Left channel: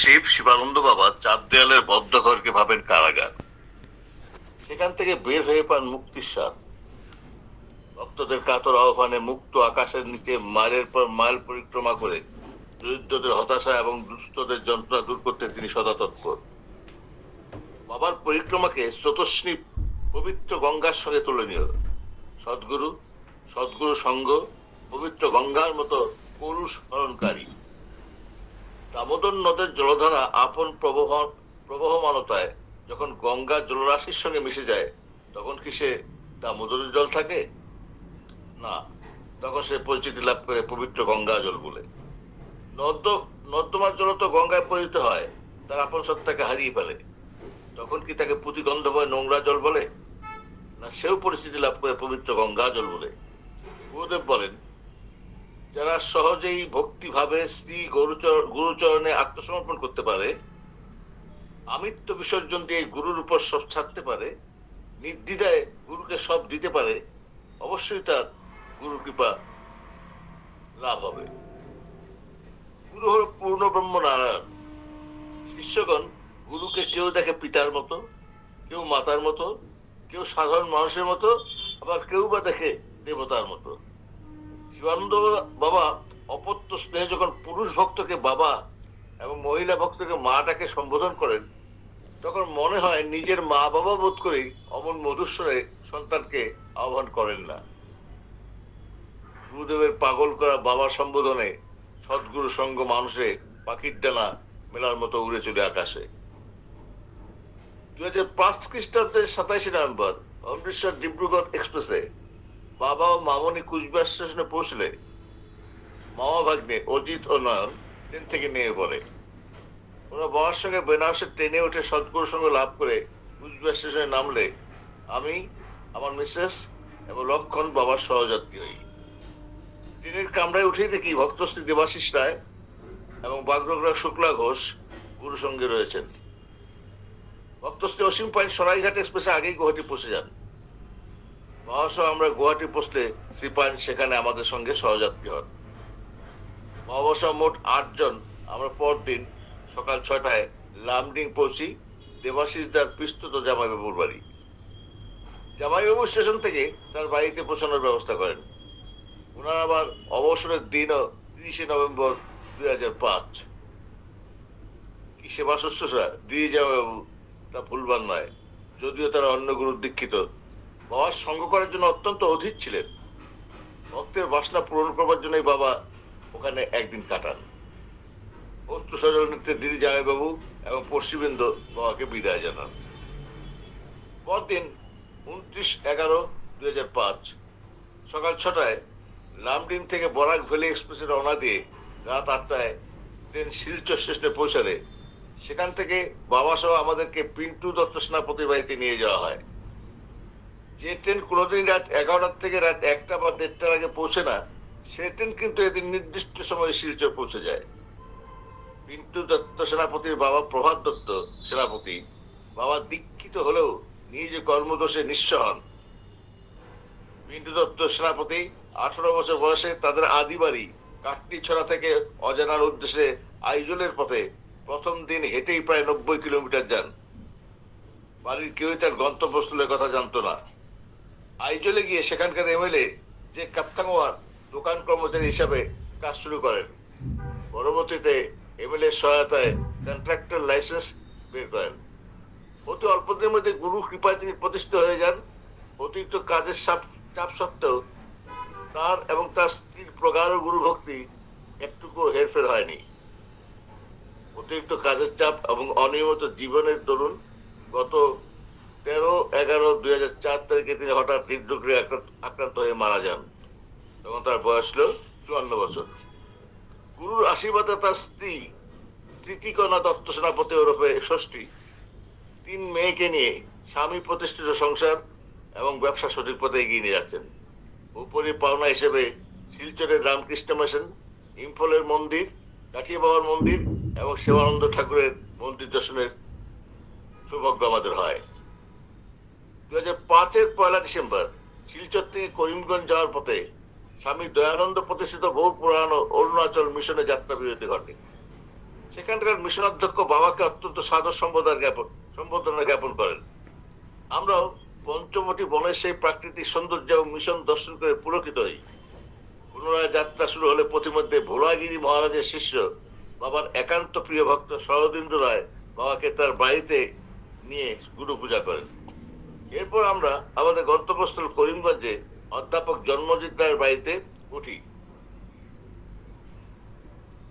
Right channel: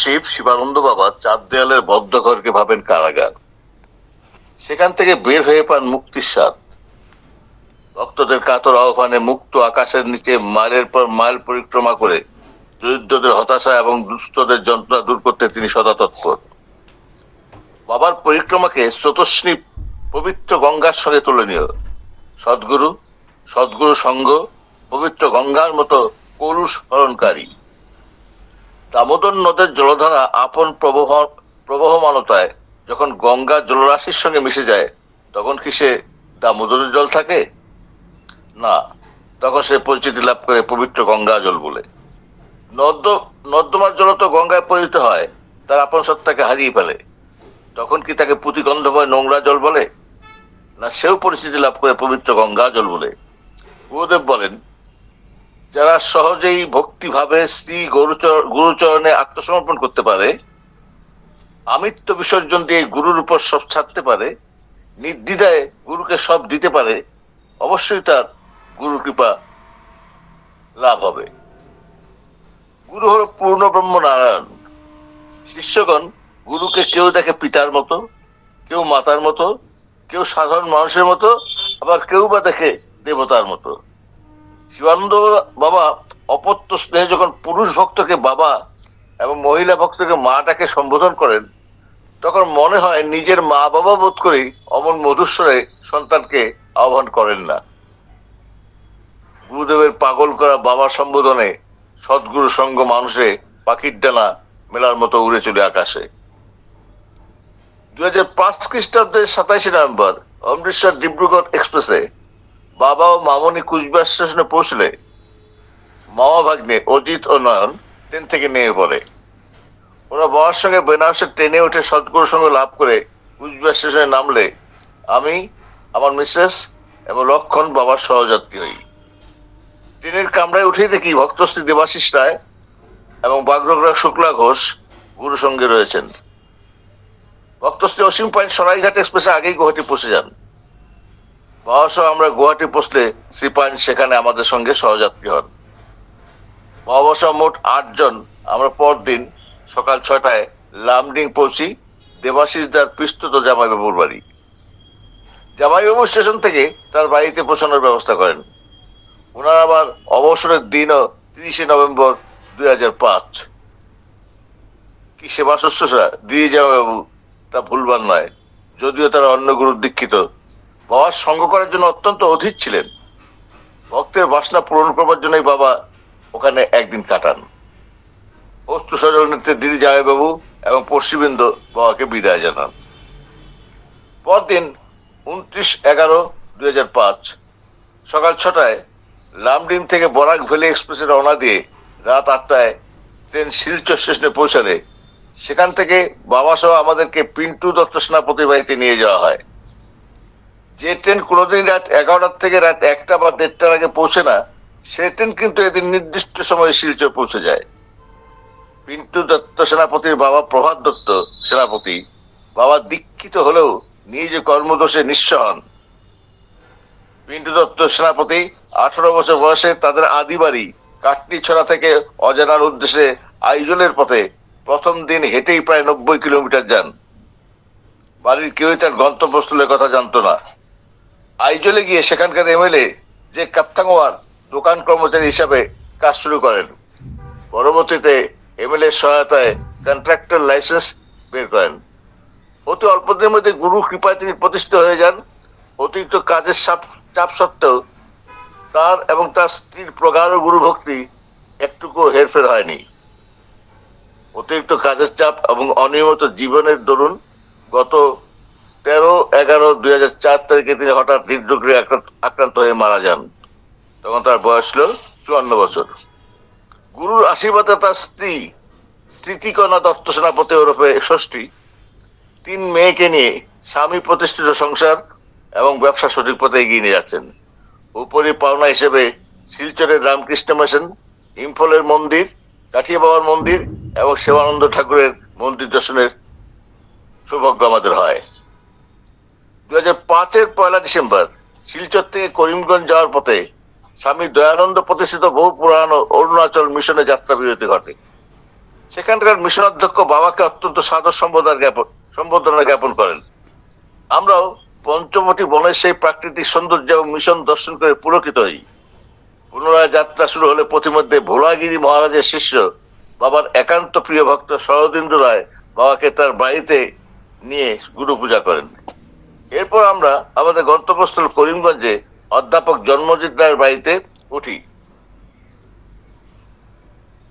শিব শিবানন্দ বাবা চার দেয়ালের বদ্ধ ঘরকে ভাবেন কারাগার। সেখান থেকে বের হয়ে পান মুক্তির স্বাদ। ভক্তদের কাতর আহ্বানে মুক্ত আকাশের নিচে মাইলের পর মাইল পরিক্রমা করে দরিদ্রদের হতাশা এবং দুস্থদের যন্ত্রণা দূর করতে তিনি সদা তৎপর। বাবার পরিক্রমাকে স্রোতস্বিনী পবিত্র গঙ্গার সঙ্গে তুলনীয়। সদ্গুরু সদ্গুরু সঙ্গ পবিত্র গঙ্গার মতো কলুষ হরণকারী। দামোদর নদের জলধারা আপন প্রবহমানতায় যখন গঙ্গা জলরাশির সঙ্গে মিশে যায়, তখন কি সে দামোদরের জল থাকে? না, তখন সে পরিচিতি লাভ করে পবিত্র গঙ্গা জল বলে। নর্দমার জল তো গঙ্গায় পরিণত হয়, তার আপন সত্তাকে হারিয়ে ফেলে। তখন কি তাকে পুঁতিগন্ধময় নোংরা জল বলে? না, সেও পরিচিতি লাভ করে পবিত্র গঙ্গা জল বলে। গুরুদেব বলেন, যারা সহজেই ভক্তিভাবে শ্রী গুরুচরণে আত্মসমর্পণ করতে পারে, আমিত্ব বিসর্জন দিয়ে গুরুর উপর সব ছাড়তে পারে, নির্দ্বিধায় গুরুকে সব দিতে পারে, অবশ্যই তার গুরু কৃপা লাভ হবে। গুরু হল পূর্ণ ব্রহ্ম নারায়ণ। শিষ্যগণ গুরুকে কেউ দেখে পিতার মতো, কেউ মাতার মতো, কেউ সাধারণ মানুষের মতো, আবার কেউ বা দেখে দেবতার মতো। শিবানন্দ বাবা অপত্য স্নেহে যখন পুরুষ ভক্তকে বাবা এবং মহিলা ভক্তকে মা ডাকে সম্বোধন করেন, তখন মনে হয় নিজের মা বাবা বোধ করেই অমন মধুস্বরে সন্তানকে আহ্বান করেন না। গুরুদেবের পাগল করা বাবা সম্বোধনে সদ্গুরু সঙ্গ মানুষে পাখির ডানা মেলার মতো উড়ে চলে আকাশে। 2005 খ্রিস্টাব্দের 27 নভেম্বর অমৃতসর ডিব্রুগড় এক্সপ্রেসে বাবা ও মামনি কুচবিহার স্টেশনে পৌঁছলে মামা ভাগ্নে অজিত ও নয়ন ট্রেন থেকে নেমে পড়ে। ওরা বাবার সঙ্গে বেনারসের ট্রেনে উঠে সদ্গুরুর সঙ্গে লাভ করে কুচবিহার স্টেশনে নামলে আমি, আমার মিসেস এবং লক্ষণ বাবার সহযাত্রী হই। ট্রেনের কামরায় উঠেই দেখি ভক্তশ্রী দেবাশিস রায় এবং বাগ্রগ্রা শুক্লা ঘোষ গুরু সঙ্গে রয়েছেন। ভক্তশ্রী অসীম পাইন সরাইঘাট এক্সপ্রেসে আগেই গুয়াহাটি পৌঁছে যান। বাবা সহ আমরা গুয়াহাটি পৌঁছলে শ্রী পাইন সেখানে আমাদের সঙ্গে সহযাত্রী হন। বাবা সহ মোট 8 জন আমরা পরদিন সকাল 6টায় লামডিং পৌঁছি দেবাশিস দার পিস্তুত জামাইবাবুর বাড়ি। জামাইবাবু স্টেশন থেকে তার বাড়িতে পৌঁছানোর ব্যবস্থা করেন। ওনার আবার অবসরের দিনও 30 নভেম্বর 2005। কি সেবা শুশ্রূষা দিদি জামাইবাবু, তা ভুলবার নয়। যদিও তারা অন্য গুরুর দীক্ষিত, বাবার সঙ্গ করার জন্য অত্যন্ত অধীর ছিলেন। ভক্তের বাসনা পূরণ করবার জন্যই বাবা ওখানে একদিন কাটান। অস্ত্র সজল নেত্রে দিদি জামাইবাবু এবং পশ্চিমবৃন্দ বাবাকে বিদায় জানান। পরদিন 29/11/2005 সকাল 6টায় লামডিং থেকে বরাক ভ্যালি এক্সপ্রেসে রওনা দিয়ে রাত 8টায় ট্রেন শিলচর স্টেশনে পৌঁছালে সেখান থেকে বাবা সহ আমাদেরকে পিন্টু দত্ত সেনাপতির বাড়িতে নিয়ে যাওয়া হয়। যে ট্রেন কোনোদিন রাত 11টার থেকে রাত 1টা বা 1:30টার আগে পৌঁছে না, সে ট্রেন কিন্তু এদিন নির্দিষ্ট সময়ে শিলচর পৌঁছে যায়। পিন্টু দত্ত সেনাপতির বাবা প্রভাত দত্ত সেনাপতি বাবা দীক্ষিত হলেও নিজ কর্মদোষে নিঃস্ব হন। পিন্টু দত্ত সেনাপতি 18 বছর বয়সে তাদের আদি বাড়ি কাটনিছড়া থেকে অজানার উদ্দেশ্যে আইজলের পথে প্রথম দিন হেঁটেই প্রায় 90 কিলোমিটার যান। বাড়ির কেউই তার গন্তব্যস্থলের কথা জানতো না। আইজলে গিয়ে সেখানকার এমএলএ যে কাপ্তাঙ্গোয়ার দোকান কর্মচারী হিসাবে কাজ শুরু করেন। পরবর্তীতে এমএলএ সহায়তায় কন্ট্রাক্টর লাইসেন্স বের করেন। অতি অল্প দিনের মধ্যে গুরু কৃপায় তিনি প্রতিষ্ঠিত হয়ে যান। অতিরিক্ত কাজের চাপ সত্ত্বেও তার এবং তার স্ত্রীর প্রগাঢ় গুরু ভক্তি একটুকু হেরফের হয়নি। অতিরিক্ত কাজের চাপ এবং অনিয়মিত জীবনের দরুন গত 13/11/2004 তারিখে তিনি হঠাৎ হৃদরোগে আক্রান্ত হয়ে মারা যান। তখন তার বয়স ছিল 54 বছর। গুরুর আশীর্বাদে তার স্ত্রী স্মৃতিকণা দত্ত সেনাপতি ওরফে ষষ্ঠী 3 মেয়েকে নিয়ে স্বামী প্রতিষ্ঠিত সংসার এবং ব্যবসা সঠিক পথে এগিয়ে নিয়ে যাচ্ছেন। উপরি পাওনা হিসেবে শিলচরের রামকৃষ্ণ মিশন, ইম্ফলের মন্দির, কাঠিয়া বাবার মন্দির এবং শিবানন্দ ঠাকুরের মন্দির দর্শনের সৌভাগ্য আমাদের হয়। 2005-এর 1 ডিসেম্বর শিলচর থেকে করিমগঞ্জ যাওয়ার পথে স্বামী দয়ানন্দ প্রতিষ্ঠিত বহু পুরানো অরুণাচল মিশনে যাত্রা বিরতি ঘটে। সেখানকার মিশন অধ্যক্ষ বাবাকে অত্যন্ত সাদর সম্বোধনা জ্ঞাপন করেন। আমরাও পঞ্চবটি বনের সেই প্রাকৃতিক সৌন্দর্য এবং মিশন দর্শন করে পুলকিত হই। পুনরায় যাত্রা শুরু হলে পথিমধ্যে ভোলাগিরি মহারাজের শিষ্য বাবার একান্ত প্রিয় ভক্ত শরদিন্দু রায় বাবাকে তার বাড়িতে নিয়ে গুরু পূজা করেন। এরপর আমরা আমাদের গন্তব্যস্থল করিমগঞ্জে অধ্যাপক জন্মজিৎ রায়ের বাড়িতে উঠি।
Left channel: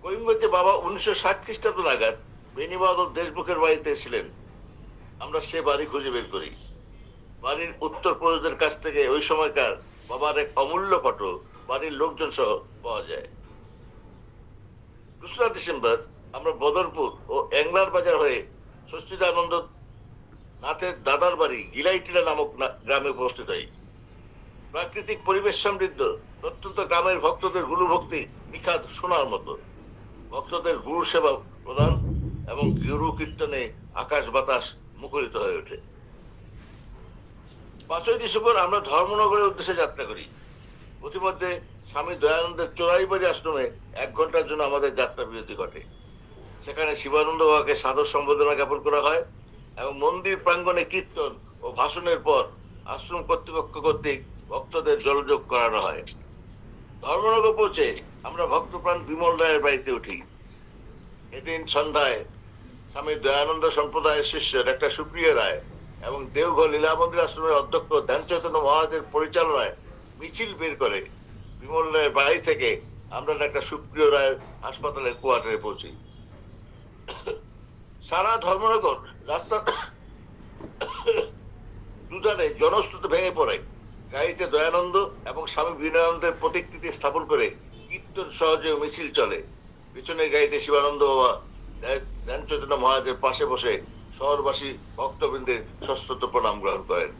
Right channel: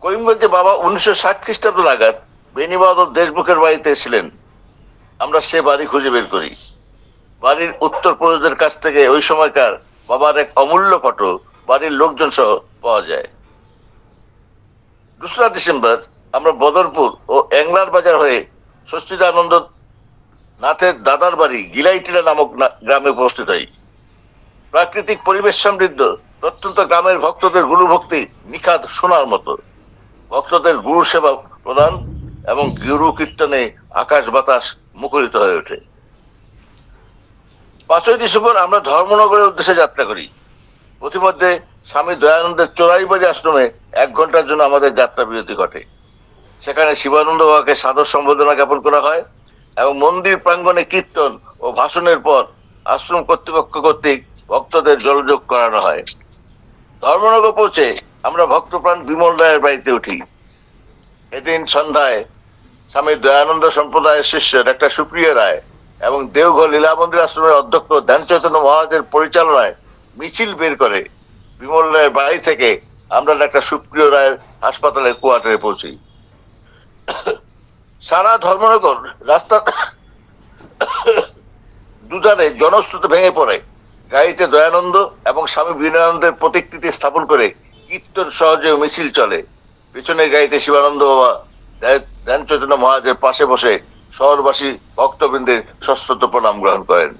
করিমগঞ্জে বাবা 1960 খ্রিস্টাব্দ নাগাদ বেণীবাদক দেশমুখের বাড়িতে ছিলেন। আমরা সে বাড়ি খুঁজে বের করি। বাড়ির উত্তর পুরুষদের কাছ থেকে ওই সময়কার বাবার এক অমূল্য ফটো বাড়ির লোকজন সহ পাওয়া যায়। 2রা ডিসেম্বর আমরা বদরপুর ও এংলার বাজার হয়ে সচ্চিদানন্দ নাথের দাদার বাড়ি গিলাইটিলা নামক গ্রামে উপস্থিত হই। প্রাকৃতিক পরিবেশ সমৃদ্ধ প্রত্যন্ত গ্রামের ভক্তদের গুরু ভক্তি নিখাদ শোনার মতো। ভক্তদের গুরু সেবা প্রদান এবং গুরু কীর্তনে আকাশ বাতাস মুখরিত হয়ে ওঠে। 5ই ডিসেম্বর আমরা ধর্মনগরের উদ্দেশ্যে যাত্রা করি। পথিমধ্যে স্বামী দয়ানন্দের চোরাইবাড়ি আশ্রমে 1 ঘন্টার জন্য আমাদের যাত্রা বিরতি ঘটে। সেখানে শিবানন্দ বাবাকে সাদর সম্বোধনা জ্ঞাপন করা হয় এবং মন্দির প্রাঙ্গণে কীর্তন ও ভাষণের পর আশ্রম কর্তৃপক্ষ কর্তৃক ভক্তদের জলযোগ করানো হয়। ধর্মনগর পৌঁছে আমরা ভক্তপ্রাণ বিমল রায়ের বাড়িতে উঠি। এদিন সন্ধ্যায় স্বামী দয়ানন্দ সম্প্রদায়ের শিষ্য ডাক্তার সুপ্রিয় রায় এবং দেওঘর লীলা মন্দির আশ্রমের অধ্যক্ষ ধ্যান চৈতন্য মহারাজের পরিচালনায় মিছিল বের করে বিমল রায়ের বাড়ি থেকে আমরা ডাক্তার সুপ্রিয় রায়ের হাসপাতালের কোয়ার্টারে পৌঁছি। সারা ধর্মনগর রাস্তা দুধারে জনস্রোতে ভেঙে পড়ে। গাড়িতে দয়ানন্দ এবং স্বামী বিনয়ানন্দের প্রতিকৃতি স্থাপন করে কীর্তন সহজে মিছিল চলে। পিছনের গাড়িতে শিবানন্দ বাবা ধ্যান চৈতন্য মহারাজের পাশে বসে শহরবাসী ভক্তবৃন্দের সশ্রদ্ধ প্রণাম গ্রহণ করেন।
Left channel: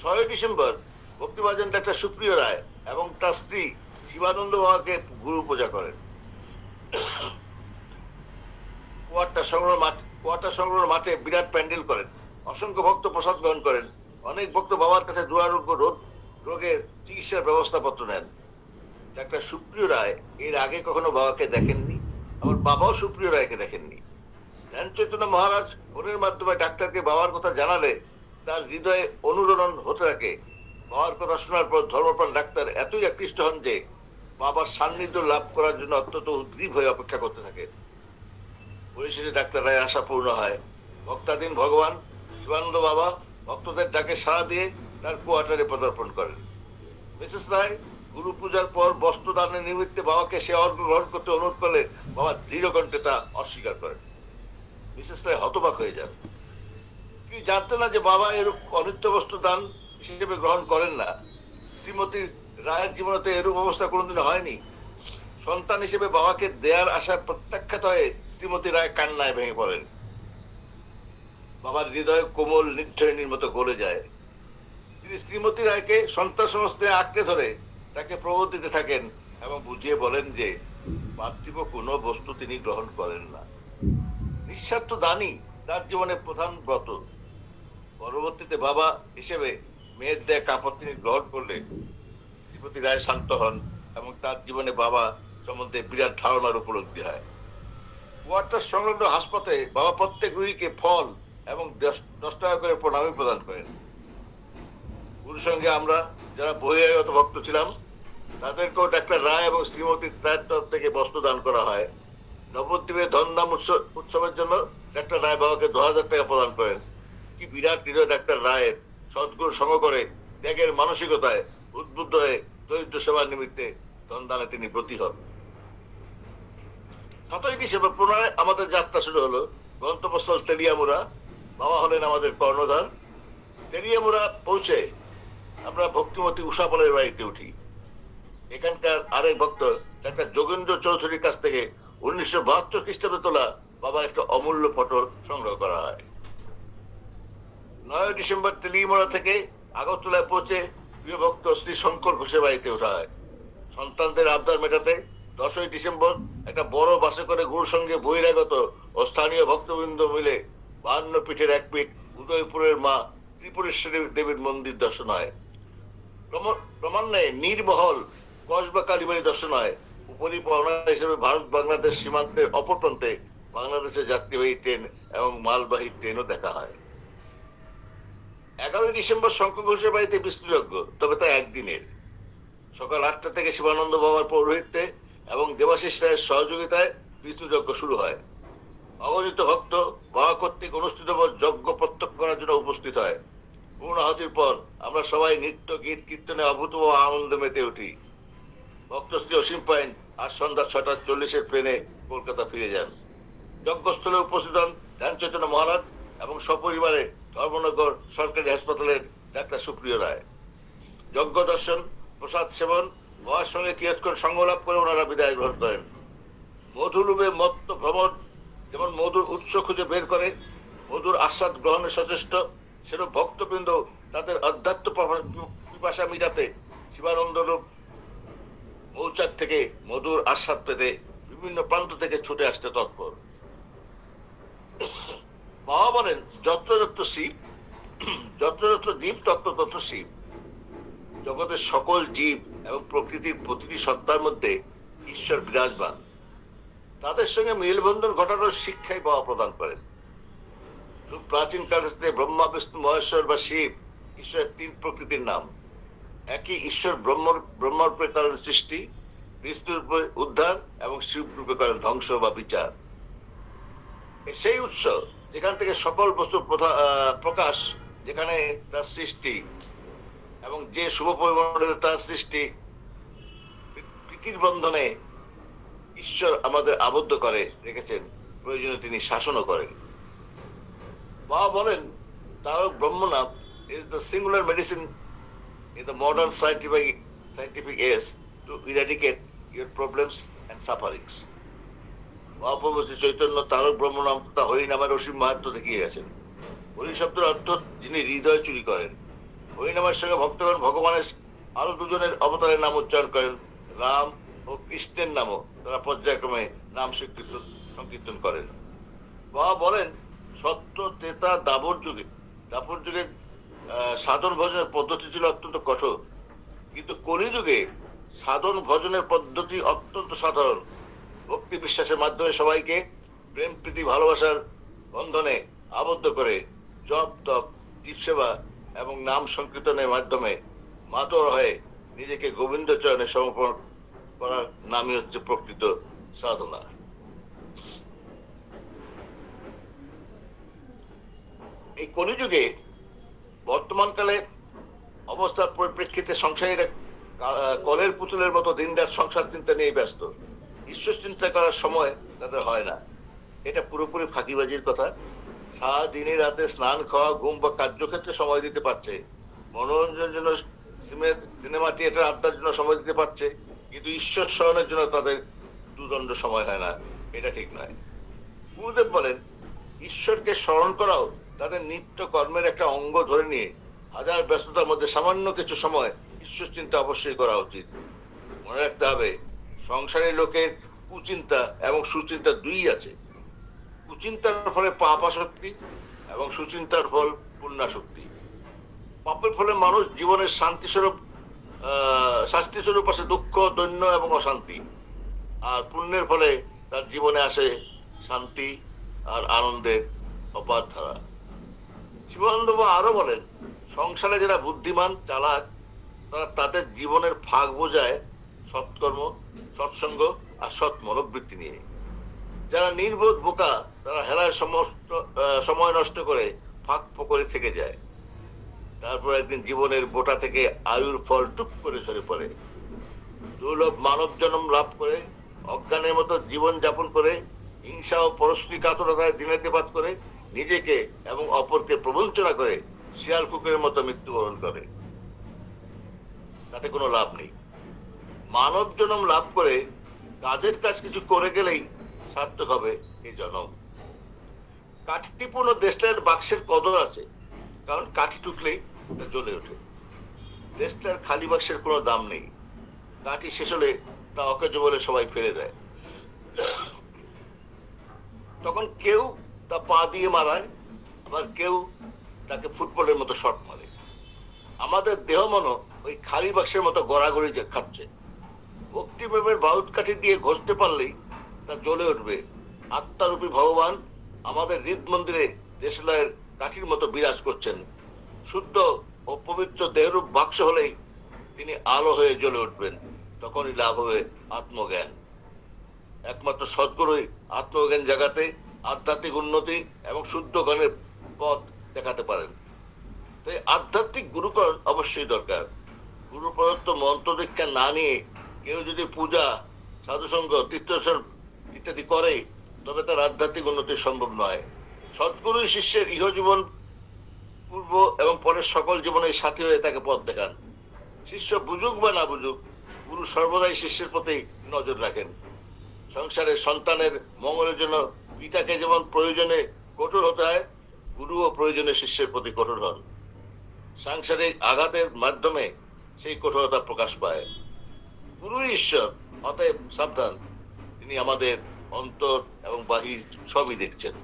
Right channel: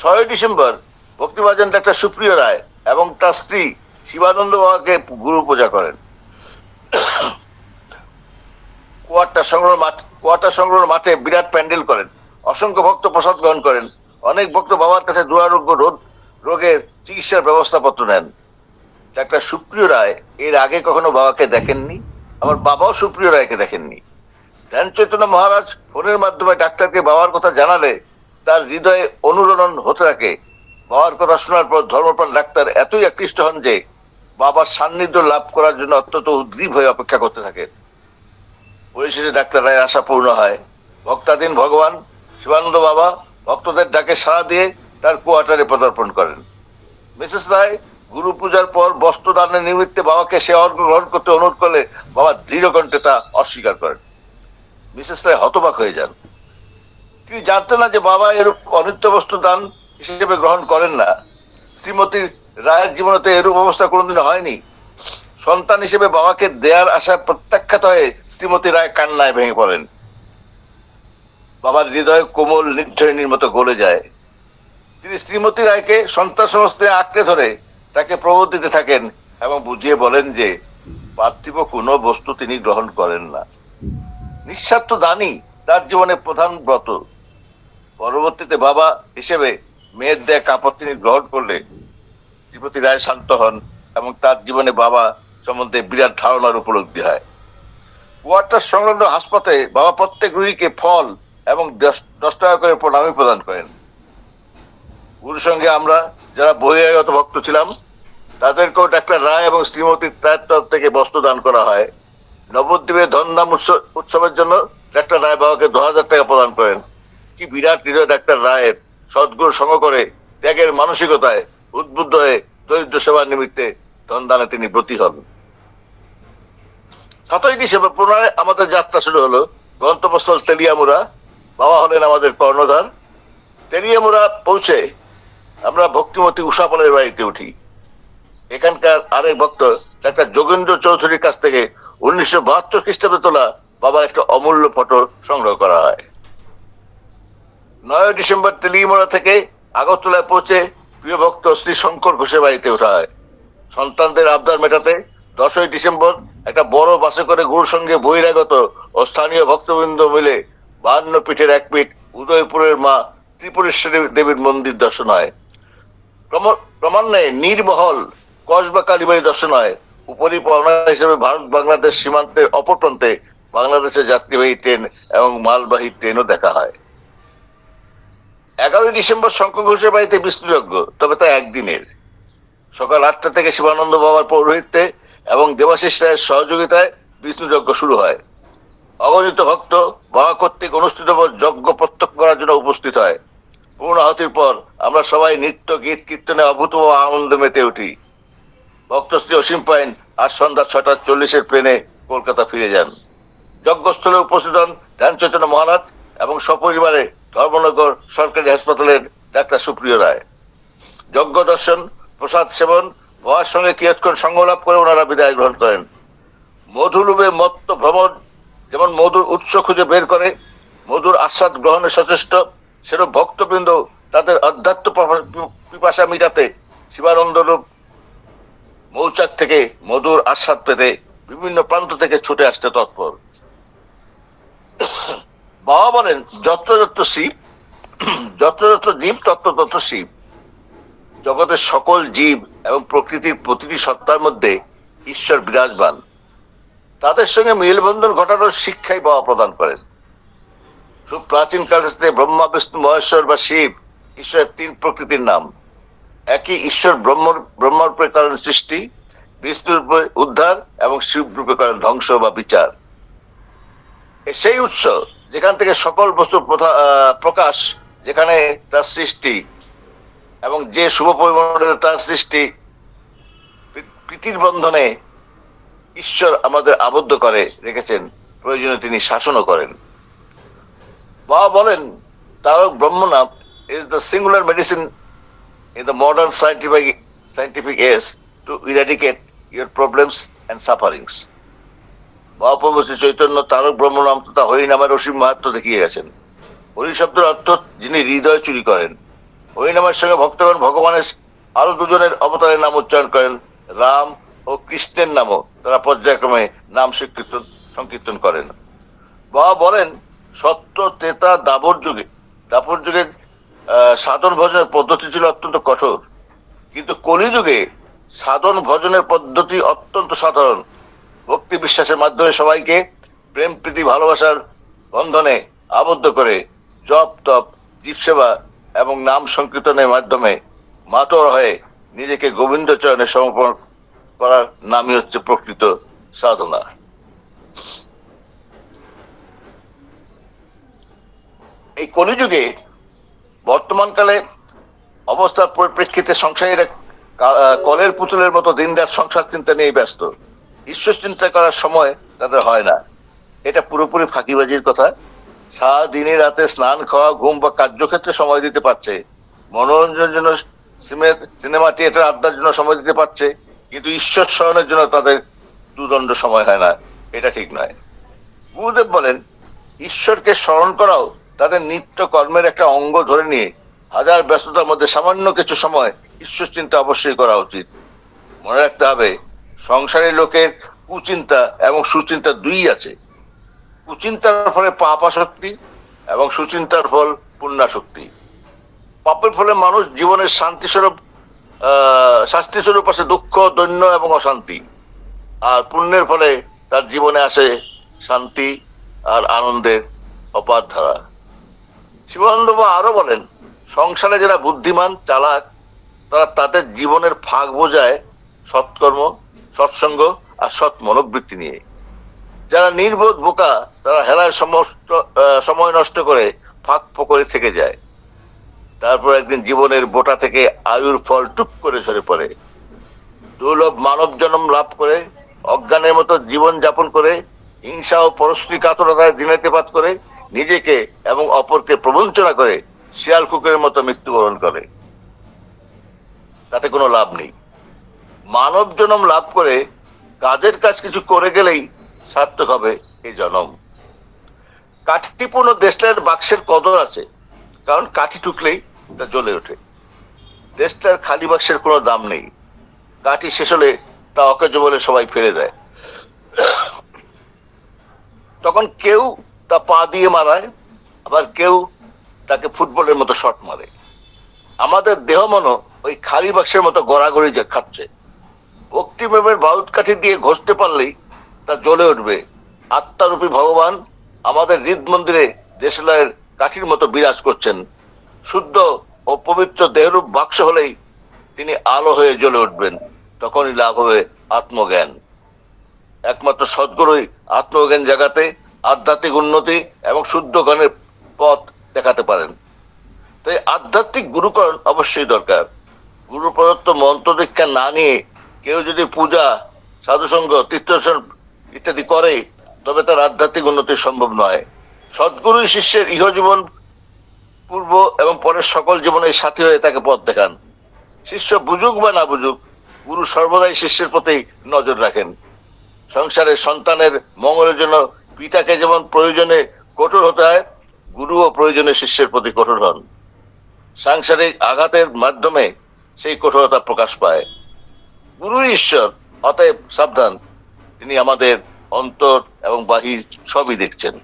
6ই ডিসেম্বর ভক্তিভাজন ডাক্তার সুপ্রিয় রায় এবং তার স্ত্রী শিবানন্দ বাবাকে গুরু পূজা করেন। কোয়ার্টার সংগ্রহ মাঠে বিরাট প্যান্ডেল করেন। অসংখ্য ভক্ত প্রসাদ গ্রহণ করেন। অনেক ভক্ত বাবার কাছে দুরারোগ্য রোগের চিকিৎসার ব্যবস্থাপত্র নেন। ডাক্তার সুপ্রিয় রায় এর আগে কখনো বাবাকে দেখেননি, আমার বাবাও সুপ্রিয় রায়কে দেখেননি। ধ্যান চৈতন্য মহারাজ ফোনের মাধ্যমে ডাক্তারকে বাবার কথা জানালে তার হৃদয়ে অনুরণন হতে থাকে। বাবার কথা শোনার পর ধর্মপ্রাণ ডাক্তার এতই আকৃষ্ট হন যে বাবার সান্নিধ্য লাভ করার জন্য অত্যন্ত উদ্গ্রীব হয়ে অপেক্ষা করতে থাকেন। পরিশেষে ডাক্তার রায়ের আশা পূর্ণ হয়। ভক্তাধীন ভগবান শিবানন্দ বাবা ভক্তদের ডাকে সাড়া দিয়ে তার কোয়ার্টারে পদার্পণ করেন। মিসেস রায় গুরু পূজার পর বস্ত্রদানের নিমিত্তে বাবাকে সে অর্ঘ্য গ্রহণ করতে অনুরোধ করলে বাবা দৃঢ় কণ্ঠে তা অস্বীকার করেন। মিসেস রায় হতবাক হয়ে যান। তিনি জানতেন না যে বাবা এরূপ অনিত্য বস্ত্র দান হিসেবে গ্রহণ করেন না। শ্রীমতী রায়ের জীবনে তো এরূপ অবস্থা কোনোদিন হয়নি। সন্তান হিসেবে বাবাকে দেয়ার আশা প্রত্যাখ্যাত হয়ে শ্রীমতী রায় কান্নায় ভেঙে পড়েন। বাবার হৃদয় কোমল নির্ঝরিণীর মতো গলে যায়। তিনি শ্রীমতী রায়কে সন্তান সমস্তে আঁকড়ে ধরে তাকে প্রবোধ দিতে থাকেন এবং বুঝিয়ে বলেন যে পার্থিব কোনো বস্তু তিনি গ্রহণ করেন না। নিঃস্বার্থ দানই তার জীবনের প্রধান ব্রত। পরবর্তীতে বাবা হিসেবে মেয়ের দেয়া কাপড় তিনি গ্রহণ করলে শ্রীমতী রায় শান্ত হন এবং তার জীবনে বাবা সম্বন্ধে বিরাট ধারণার উপলব্ধি হয়। কোয়ার্টার সংলগ্ন হাসপাতালে বাবা প্রত্যেক রোগীকে ফল এবং 10 টাকা করে প্রণামী প্রদান করেন। গুরুর সঙ্গে আমরা যারা বহিরাগত ভক্ত ছিলাম তাদেরকেও ডাক্তার রায় এবং শ্রীমতী রায়ের তরফ থেকে বস্ত্র দান করা হয়। নবদ্বীপের ধনধাম উৎসবের জন্য ডাক্তার রায় বাবাকে 10,000 টাকা প্রদান করেন। কি বিরাট হৃদয় ডাক্তার রায়ের! সদ্গুরু সঙ্গ করে ত্যাগের মানসিকতায় উদ্বুদ্ধ হয়ে দরিদ্র সেবার নিমিত্তে ধনদানে তিনি ব্রতী হন। 7ই ডিসেম্বর পুনরায় আমাদের যাত্রা শুরু হলো। গন্তব্যস্থল তেলিয়ামুড়া। বাবা হলেন আমাদের কর্ণধার। তেলিয়ামুড়া পৌঁছে আমরা ভক্তিমতী উষাপালের বাড়িতে উঠি। এখানকার আরেক ভক্ত ডাক্তার যোগেন্দ্র চৌধুরীর কাছ থেকে 1972 খ্রিস্টাব্দে তোলা বাবার একটা অমূল্য ফটো সংগ্রহ করা হয়। 9ই ডিসেম্বর তেলিয়ামুড়া থেকে আগরতলায় পৌঁছে প্রিয় ভক্ত শ্রী শঙ্কর ঘোষের বাড়িতে ওঠা হয়। সন্তানদের আবদার মেটাতে 10ই ডিসেম্বর একটা বড় বাসে করে গুরুর সঙ্গে বহিরাগত ও স্থানীয় ভক্তবৃন্দ মিলে 52 পীঠের এক পীঠ উদয়পুরের মা ত্রিপুরেশ্বরী দেবীর মন্দির দর্শন হয়। ক্রমান্বয়ে নীরমহল কসবা কালীবাড়ি দর্শন হয়। উপরি পাওনা হিসেবে ভারত বাংলাদেশ সীমান্তের অপর প্রান্তে বাংলাদেশের যাত্রীবাহী ট্রেন এবং মালবাহী ট্রেনও দেখা হয়। 11ই ডিসেম্বর শঙ্খ ঘোষের বাড়িতে বিষ্ণুযজ্ঞ, তবে তা একদিনের। সকাল 8টা থেকে শিবানন্দ বাবার পৌরোহিত্যে এবং দেবাশিস রায়ের সহযোগিতায় বিষ্ণুযজ্ঞ শুরু হয়। অগণিত ভক্ত বাবা কর্তৃক অনুষ্ঠিত যজ্ঞ প্রত্যক্ষ করার জন্য উপস্থিত হয়। পূর্ণাহুতির পর আমরা সবাই নৃত্য গীত কীর্তনে অভূতপূর্ব আনন্দে মেতে উঠি। ভক্তশ্রী অসীম পাইন আজ সন্ধ্যা 6:40 ট্রেনে কলকাতা ফিরে যান। যজ্ঞস্থলে উপস্থিত হন ধ্যানচৈতন্য মহারাজ এবং সপরিবারে ধর্মনগর সরকারি হাসপাতালের ডাক্তার সুপ্রিয় রায়। যজ্ঞ দর্শন, প্রসাদ সেবন, বাবার সঙ্গে কিয়ৎক্ষণ সঙ্গ লাভ করে ওনারা বিদায় গ্রহণ করেন। মধুলোভে মত্ত ভ্রমণ যেমন মধুর উৎস খুঁজে বের করে মধুর আস্বাদ গ্রহণে সচেষ্ট, সেরূপ ভক্তবৃন্দ তাদের অধ্যাত্ম পিপাসা মিটাতে শিবানন্দ রূপ মৌচাক থেকে মধুর আস্বাদ পেতে বিভিন্ন প্রান্ত থেকে ছুটে আসতে তৎপর। বাবা বলেন, যত্র যত্র শিব, যত্র যত্র জীব তত্র তত্র শিব। জগতের সকল জীব এবং প্রকৃতির প্রতিটি সত্তার মধ্যে ঈশ্বর বিরাজমান। তাদের সঙ্গে মেলবন্ধন ঘটানোর শিক্ষাই বাবা প্রদান করেন। খুব প্রাচীন কাল থেকে ব্রহ্মা, বিষ্ণু, মহেশ্বর বা শিব ঈশ্বরের 3 প্রকৃতির নাম। একই ঈশ্বর ব্রহ্মরূপে করেন সৃষ্টি, বিষ্ণু রূপে উদ্ধার এবং শিব রূপে করেন ধ্বংস বা বিচার। সেই উৎস যেখান থেকে সকল বস্তুর প্রকাশ, যেখানে তার সৃষ্টি এবং যে শুভ পরিমণ্ডলে তার সৃষ্টি, প্রীতির বন্ধনে ঈশ্বর আমাদের আবদ্ধ করে রেখেছেন, প্রয়োজনে তিনি শাসনও করেন। বাবা বলেন, তারক ব্রহ্ম নাম is the singular medicine in the modern scientific age to eradicate your problems and sufferings. Mahaprabhu Shri Chaitanya Tarak ব্রহ্ম নাম তথা হরি নামের অসীম মাহাত্ম্য দেখিয়ে গেছেন। হরি শব্দের অর্থ যিনি হৃদয় চুরি করেন। হরি নামের সঙ্গে ভক্তগণ ভগবানের আরো 2 জনের অবতারের নাম উচ্চারণ করেন। রাম ও কৃষ্ণের নামও তারা পর্যায়ক্রমে নাম সংকীর্তন করেন। বাবা বলেন, সত্য ত্রেতা দাপর যুগে সাধন ভজনের পদ্ধতি ছিল অত্যন্ত কঠোর, কিন্তু কলিযুগে সাধন ভজনের পদ্ধতি অত্যন্ত সাধারণ। ভক্তি বিশ্বাসের মাধ্যমে সবাইকে প্রেম প্রীতি ভালোবাসার বন্ধনে আবদ্ধ করে জপ তপ, জীব সেবা এবং নাম সংকীর্তনের মাধ্যমে মাতর হয়ে নিজেকে গোবিন্দ চরণে সমর্পণ করার নামই হচ্ছে প্রকৃত সাধনা। এই কলিযুগে বর্তমানকালে অবস্থার পরিপ্রেক্ষিতে সংসারীরা কলের পুতুলের মতো দিনরাত সংসার চিন্তা নিয়ে ব্যস্ত। ঈশ্বর চিন্তা করার সময় তাদের হয় না। এটা পুরোপুরি ফাঁকিবাজির কথা। সারাদিনে রাতে স্নান, খাওয়া, ঘুম বা কার্যক্ষেত্রে সময় দিতে পারছে, মনোরঞ্জনের জন্য সিনেমা থিয়েটার আড্ডার জন্য সময় দিতে পারছে, কিন্তু ঈশ্বর স্মরণের জন্য তাদের দুদণ্ড সময় হয় না। এটা ঠিক নয়। গুরুদেব বলেন, ঈশ্বরকে স্মরণ করাও তাদের নিত্য কর্মের একটা অঙ্গ ধরে নিয়ে হাজার ব্যস্ততার মধ্যে সামান্য কিছু সময় ঈশ্বর চিন্তা অবশ্যই করা উচিত। মনে রাখতে হবে, সংসারী লোকের কুচিন্তা এবং সুচিন্তা 2ই আছে। কুচিন্তার ফলে পাপ আসক্তি এবং সুচিন্তার ফল পুণ্যাসক্তি। পাপের ফলে মানুষ জীবনের শাস্তি স্বরূপ আসে দুঃখ, দৈন্য এবং অশান্তি, আর পুণ্যের ফলে তার জীবনে আসে শান্তি আর আনন্দের অপার ধারা। শিবানন্দ বাবা আরো বলেন, সংসারে যারা বুদ্ধিমান চালাক তারা তাদের জীবনের ফাঁক বোঝায় সৎকর্ম, সৎসঙ্গ আর সৎ মনোবৃত্তি নিয়ে। যারা নির্বোধ বোকা তারা হেলায় সমস্ত সময় নষ্ট করে ফাঁক ফোকরে থেকে যায়। তারপর একদিন জীবনের বোটা থেকে আয়ুর ফল টুক করে ঝরে পড়ে। দুর্লভ মানব জন্ম লাভ করে অজ্ঞানের মতো জীবন যাপন করে হিংসা ও পরশ্রী কাতরতায় দিনাতিপাত করে নিজেকে এবং অপরকে প্রবঞ্চনা করে শিয়াল কুকুরের মতো মৃত্যুবরণ করে। তাতে কোনো লাভ নেই। মানব জন্ম লাভ করে কাজের কাজ কিছু করে গেলেই সার্থক হবে এই জন্ম। কাঠিপূর্ণ দেশটার বাক্সের কদর আছে, কারণ কাঠি টুকলেই তা জ্বলে ওঠে। দেশটার খালি বাক্সের কোনো দাম নেই। কাঠি শেষ হলে তা অকেজ বলে সবাই ফেলে দেয়। তখন কেউ তা পা দিয়ে মারায়, আবার কেউ তাকে ফুটবলের মতো শট মারে। আমাদের দেহ মনো ওই খালি বাক্সের মতো গড়াগড়ি যে খাচ্ছে। ভক্তিপ্রেমের বারুদ কাঠি দিয়ে ঘষতে পারলেই তা জ্বলে উঠবে। আত্মারূপী ভগবান আমাদের হৃদ মন্দিরে দেশলাইয়ের কাঠির মতো বিরাজ করছেন। শুদ্ধ ও পবিত্র দেহরূপ বাক্স হলেই তিনি আলো হয়ে জ্বলে উঠবেন। তখনই লাভ হবে আত্মজ্ঞান। একমাত্র সদ্গুরুই আত্মজ্ঞান জাগাতে, আধ্যাত্মিক উন্নতি এবং শুদ্ধ জ্ঞানের পথ দেখাতে পারেন। তাই আধ্যাত্মিক গুরুকরণ অবশ্যই দরকার। গুরু প্রদত্ত মন্ত্র দীক্ষা না নিয়ে কেউ যদি পূজা, সাধুসঙ্গ, তীর্থদর্শন ইত্যাদি করে, তবে তার আধ্যাত্মিক উন্নতি সম্ভব নয়। সদ্গুরুই শিষ্যের ইহজীবন, পূর্ব এবং পরের সকল জীবনের সাথী হয়ে তাকে পথ দেখান। শিষ্য বুঝুক বা না বুঝুক, গুরু সর্বদাই শিষ্যের প্রতি নজর রাখেন। সংসারে সন্তানের মঙ্গলের জন্য পিতাকে যেমন প্রয়োজনে কঠোর হতে হয়, গুরুও প্রয়োজনে শিষ্যের প্রতি কঠোর হন। সাংসারিক আঘাতের মাধ্যমে সেই কঠোরতা প্রকাশ পায়। গুরু ঈশ্বর, অতএব সাবধান, তিনি আমাদের অন্তর এবং বাহির সবই দেখছেন।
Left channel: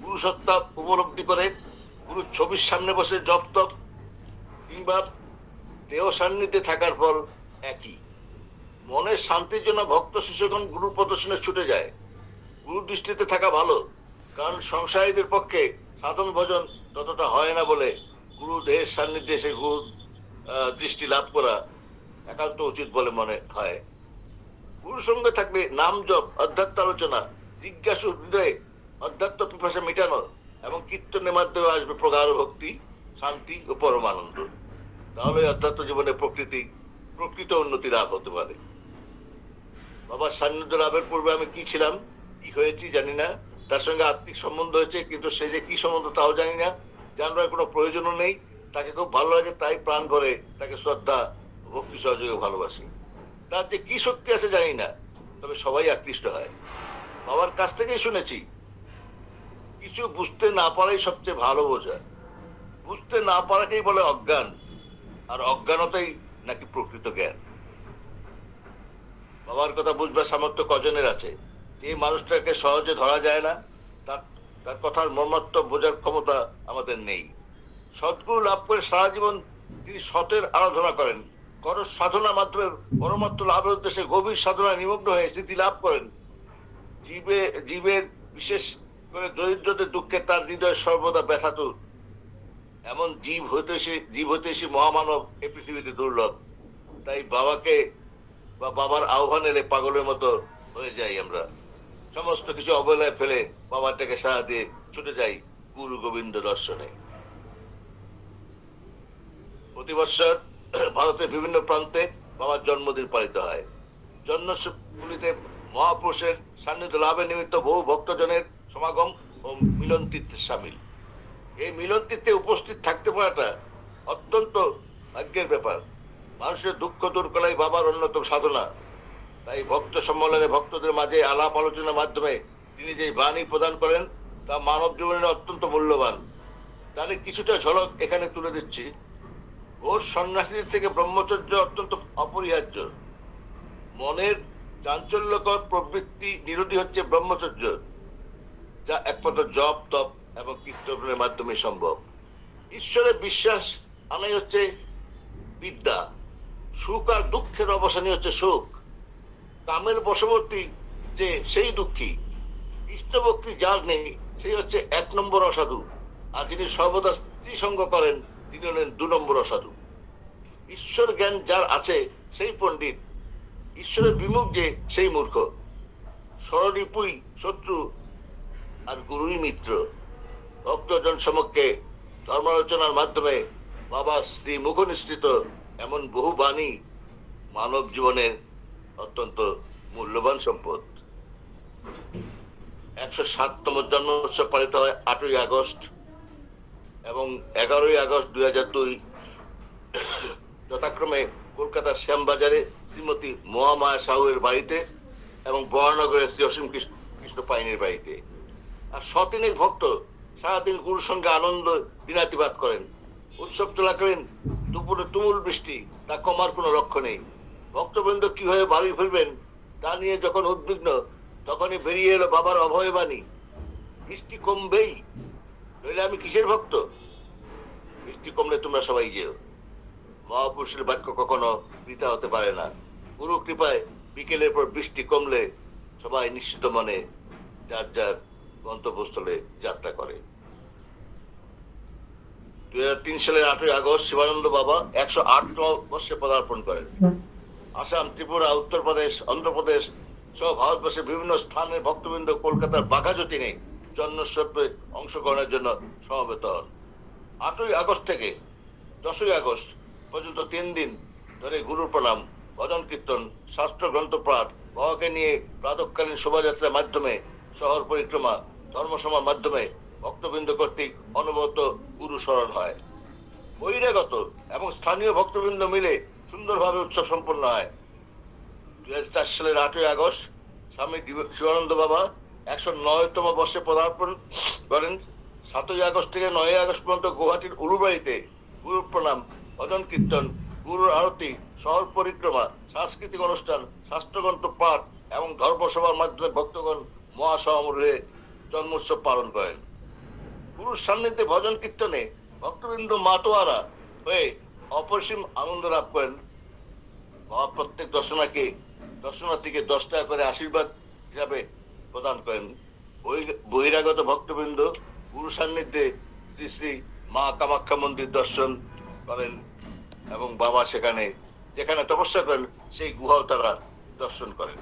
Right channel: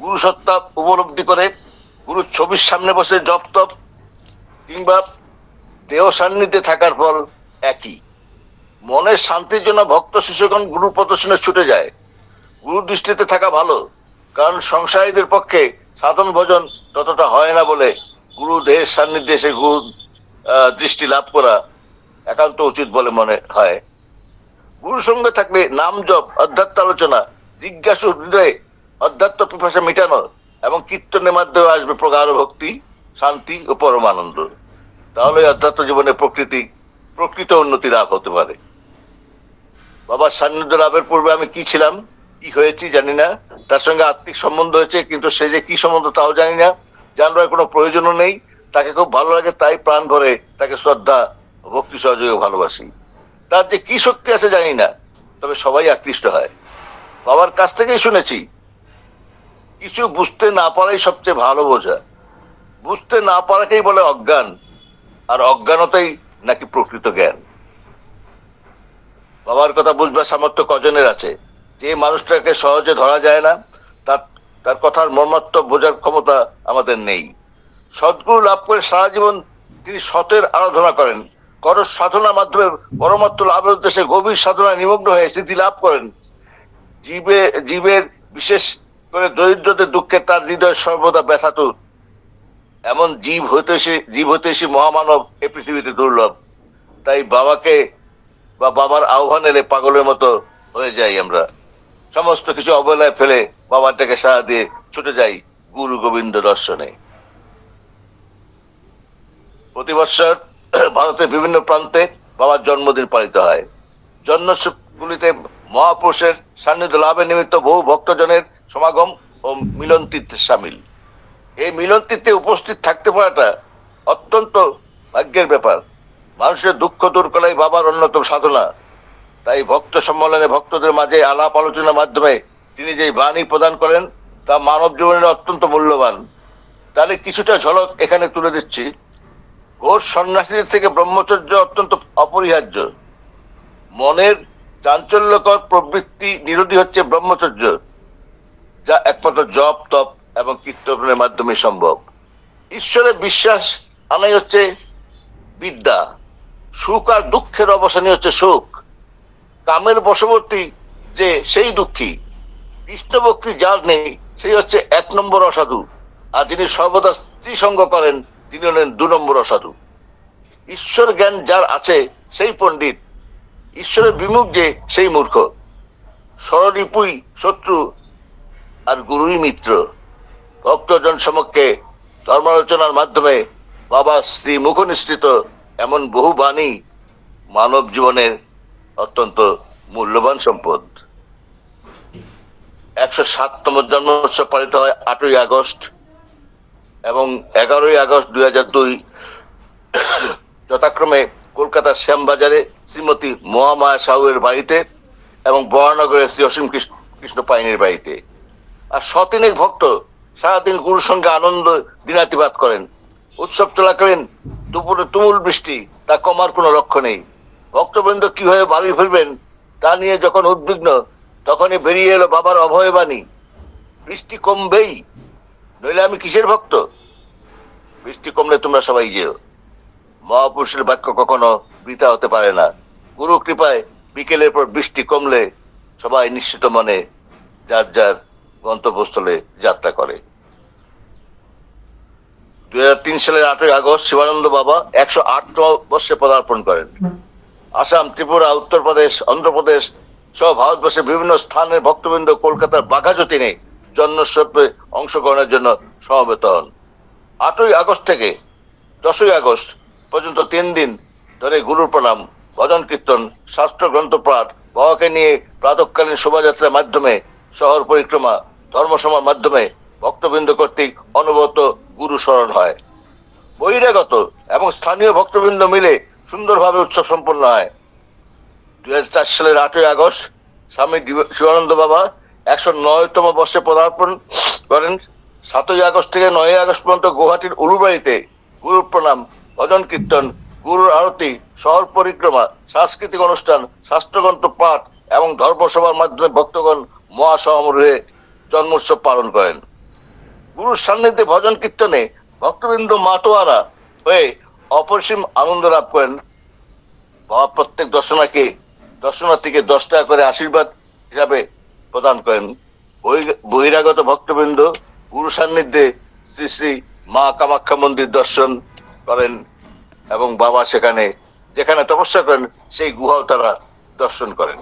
গুরু সত্তা উপলব্ধি করে গুরু ছবির সামনে বসে জপ তপ কিংবা দেহ সান্নিধ্যে থাকার ফল একই। মনের শান্তির জন্য ভক্ত শিষ্যগণ গুরু প্রদর্শনে ছুটে যায়। গুরু দৃষ্টিতে থাকা ভালো, কারণ সংসারীদের পক্ষে সাধন ভজন ততটা হয় না বলে গুরু দেহের সান্নিধ্যে এসে গুরু দৃষ্টি লাভ করা একান্ত উচিত বলে মনে হয়। গুরুর সঙ্গে থাকলে নাম জপ, অধ্যাত্ম আলোচনা, জিজ্ঞাসু হৃদয়ে অধ্যাত্ম পিপাসা মেটানো এবং কীর্তনের মাধ্যমে আসবে প্রগাঢ় ভক্তি, শান্তি ও পরমানন্দ। তাহলে অধ্যাত্ম জীবনে প্রকৃত উন্নতি লাভ হতে পারে। বাবার সান্নিধ্য লাভের পূর্বে আমি কি ছিলাম, কি হয়েছি জানি না। তার সঙ্গে আত্মিক সম্বন্ধ হয়েছে, কিন্তু সে যে কি সম্বন্ধ তাও জানি না। জানবার কোনো প্রয়োজনও নেই। তাকে খুব ভালো লাগে, তাই প্রাণ ভরে তাকে শ্রদ্ধা, ভক্তি সহযোগে ভালোবাসি। তার যে কি শক্তি আছে জানি না, তবে সবাই আকৃষ্ট হয়। বাবার কাছ থেকেই শুনেছি, কিছু বুঝতে না পারাই সবচেয়ে ভালো বোঝা। বুঝতে না পারাকেই বলে অজ্ঞান, আর অজ্ঞানতাই নাকি প্রকৃত জ্ঞান। বাবার কথা বুঝবার সামর্থ্য কজনের আছে? যে মানুষটাকে সহজে ধরা যায় না, তার তার কথার মর্মার্থ বোঝার ক্ষমতা আমাদের নেই। সদ্গুরু লাভ করে সারা জীবন তিনি সতের আরাধনা করেন। কঠোর সাধনার মাধ্যমে পরমার্থ লাভের উদ্দেশ্যে গভীর সাধনায় নিমগ্ন হয়ে সিদ্ধি লাভ করেন। জীবের বিশেষ করে দরিদ্রদের দুঃখে তার হৃদয় সর্বদা ব্যথাতুর। এমন জীব হইতে এসে মহামানব এ পৃথিবীতে দুর্লভ। তাই বাবাকে বা বাবার আহ্বান এলে পাগলের মতো হয়ে যাই আমরা। সমস্ত কিছু অবহেলায় ফেলে বাবার ডাকে সাড়া দিয়ে ছুটে যাই গুরু গোবিন্দ দর্শনে। প্রতি বৎসর ভারতের বিভিন্ন প্রান্তে বাবার জন্মদিন পালিত হয়। জন্মগুলিতে মহাপুরুষের সান্নিধ্য লাভের নিমিত্ত বহু ভক্তজনের সমাগম ও মিলন তীর্থে সামিল। এই মিলন তীর্থে উপস্থিত থাকতে পারাটা অত্যন্ত ভাগ্যের ব্যাপার। মানুষের দুঃখ দূর করাই বাবার অন্যতম সাধনা। তাই ভক্ত সম্মেলনে ভক্তদের মাঝে আলাপ আলোচনার মাধ্যমে তিনি যে বাণী প্রদান করেন তা মানব জীবনের অত্যন্ত মূল্যবান। তাহলে কিছুটা ঝলক এখানে তুলে দিচ্ছি। ঘোর সন্ন্যাসীদের থেকে ব্রহ্মচর্য অত্যন্ত অপরিহার্য। মনের চাঞ্চল্যকর প্রবৃত্তি নিরোধী হচ্ছে ব্রহ্মচর্য, যা একমাত্র জপ তপ এবং কীর্তনের মাধ্যমে সম্ভব। ঈশ্বরের বিশ্বাস আনাই হচ্ছে বিদ্যা। সুখ আর দুঃখের অবসানই হচ্ছে সুখ। কামের বশবর্তী যে সেই দুঃখী। কৃষ্ণ ভক্তি যার নেই সেই হচ্ছে 1 নম্বর অসাধু। আর যিনি সর্বদা স্ত্রী সঙ্গ করেন তিনি হলেন 2 নম্বর অসাধু। ঈশ্বর জ্ঞান যার আছে সেই পণ্ডিত। ঈশ্বরের বিমুখ যে সেই মূর্খ। স্বরিপুই শত্রু আর গুরুই মিত্র। ভক্তজন সমক্ষে ধর্মালোচনার মাধ্যমে বাবা শ্রী মুখ নিঃসৃত এমন বহু বাণী মানব জীবনের অত্যন্ত মূল্যবান সম্পদ। 107তম জন্মোৎসব পালিত হয় 8ই আগস্ট এবং 11ই আগস্ট 2002 যথাক্রমে কলকাতার শ্যামবাজারে শ্রীমতী মহামায়া সাহুয়ের বাড়িতে এবং বরানগরের শ্রী অসীম কৃষ্ণ পাইনের বাড়িতে। আর শতিনেক ভক্ত সারাদিন গুরুর সঙ্গে আনন্দ দিনাতিপাত করেন। উৎসব চলাকালীন দুপুরে তুমুল বৃষ্টি, তা কমার কোনো লক্ষ্য নেই। ভক্তবৃন্দ কিভাবে বাড়ি ফিরবেন তা নিয়ে যখন উদ্বিগ্ন, তখনই বেরিয়ে এলো বাবার অভয়বাণী, বৃষ্টি কমবেই, নইলে আমি কিসের ভক্ত? বৃষ্টি কমলে তোমরা সবাই যেও। মহাপুরুষের বাক্য কখনো বৃথা হতে পারে না। গুরু কৃপায় বিকেলের পর বৃষ্টি কমলে সবাই নিশ্চিত মনে যার যার গন্তব্যস্থলে যাত্রা করে। 2003 সালের 8ই আগস্ট শিবানন্দ বাবা 108তম বর্ষে পদার্পণ করেন। আসাম, ত্রিপুরা, উত্তরপ্রদেশ, অন্ধ্রপ্রদেশ সহ ভারতবর্ষের বিভিন্ন স্থানের ভক্তবৃন্দ কলকাতার বাঘাযতীনে জন্মোৎসবে অংশগ্রহণের জন্য সমবেত হন। 8ই আগস্ট থেকে 10ই আগস্ট পর্যন্ত 3 দিন ধরে গুরুর প্রণাম, ভজন কীর্তন, শাস্ত্র গ্রন্থ পাঠ, বাবাকে নিয়ে প্রাতঃকালীন শোভাযাত্রার মাধ্যমে শহর পরিক্রমা, ধর্মসভার মাধ্যমে ভক্তবৃন্দ কর্তৃক অনবরত গুরু স্মরণ হয়। বহিরাগত এবং স্থানীয় ভক্তবৃন্দ মিলে সুন্দরভাবে উৎসব সম্পন্ন হয়। 2004 সালের 8ই আগস্ট স্বামী শিবানন্দ বাবা 109তম বর্ষে পদার্পণ করেন। 7ই আগস্ট থেকে 9ই আগস্ট পর্যন্ত গুয়াহাটির উলুবাড়িতে গুরু প্রণাম, ভজন কীর্তন, গুরুর আরতি, শহর পরিক্রমা, সাংস্কৃতিক অনুষ্ঠান, শাস্ত্রগ্রন্থ পাঠ এবং ধর্মসভার মাধ্যমে ভক্তগণ মহাসমারোহে জন্মোৎসব পালন করেন। গুরুর সান্নিধ্যে ভজন কীর্তনে ভক্তবৃন্দ মাতোয়ারা হয়ে অপরিসীম আনন্দ লাভ করেন। বাবা প্রত্যেক দর্শনার্থীকে 10 টাকা করে আশীর্বাদ হিসাবে প্রদান করেন। বহিরাগত ভক্তবৃন্দ গুরু সান্নিধ্যে শ্রী শ্রী মা কামাখ্যা মন্দির দর্শন করেন এবং বাবা যেখানে তপস্যা করেন সেই গুহাও তারা দর্শন করেন।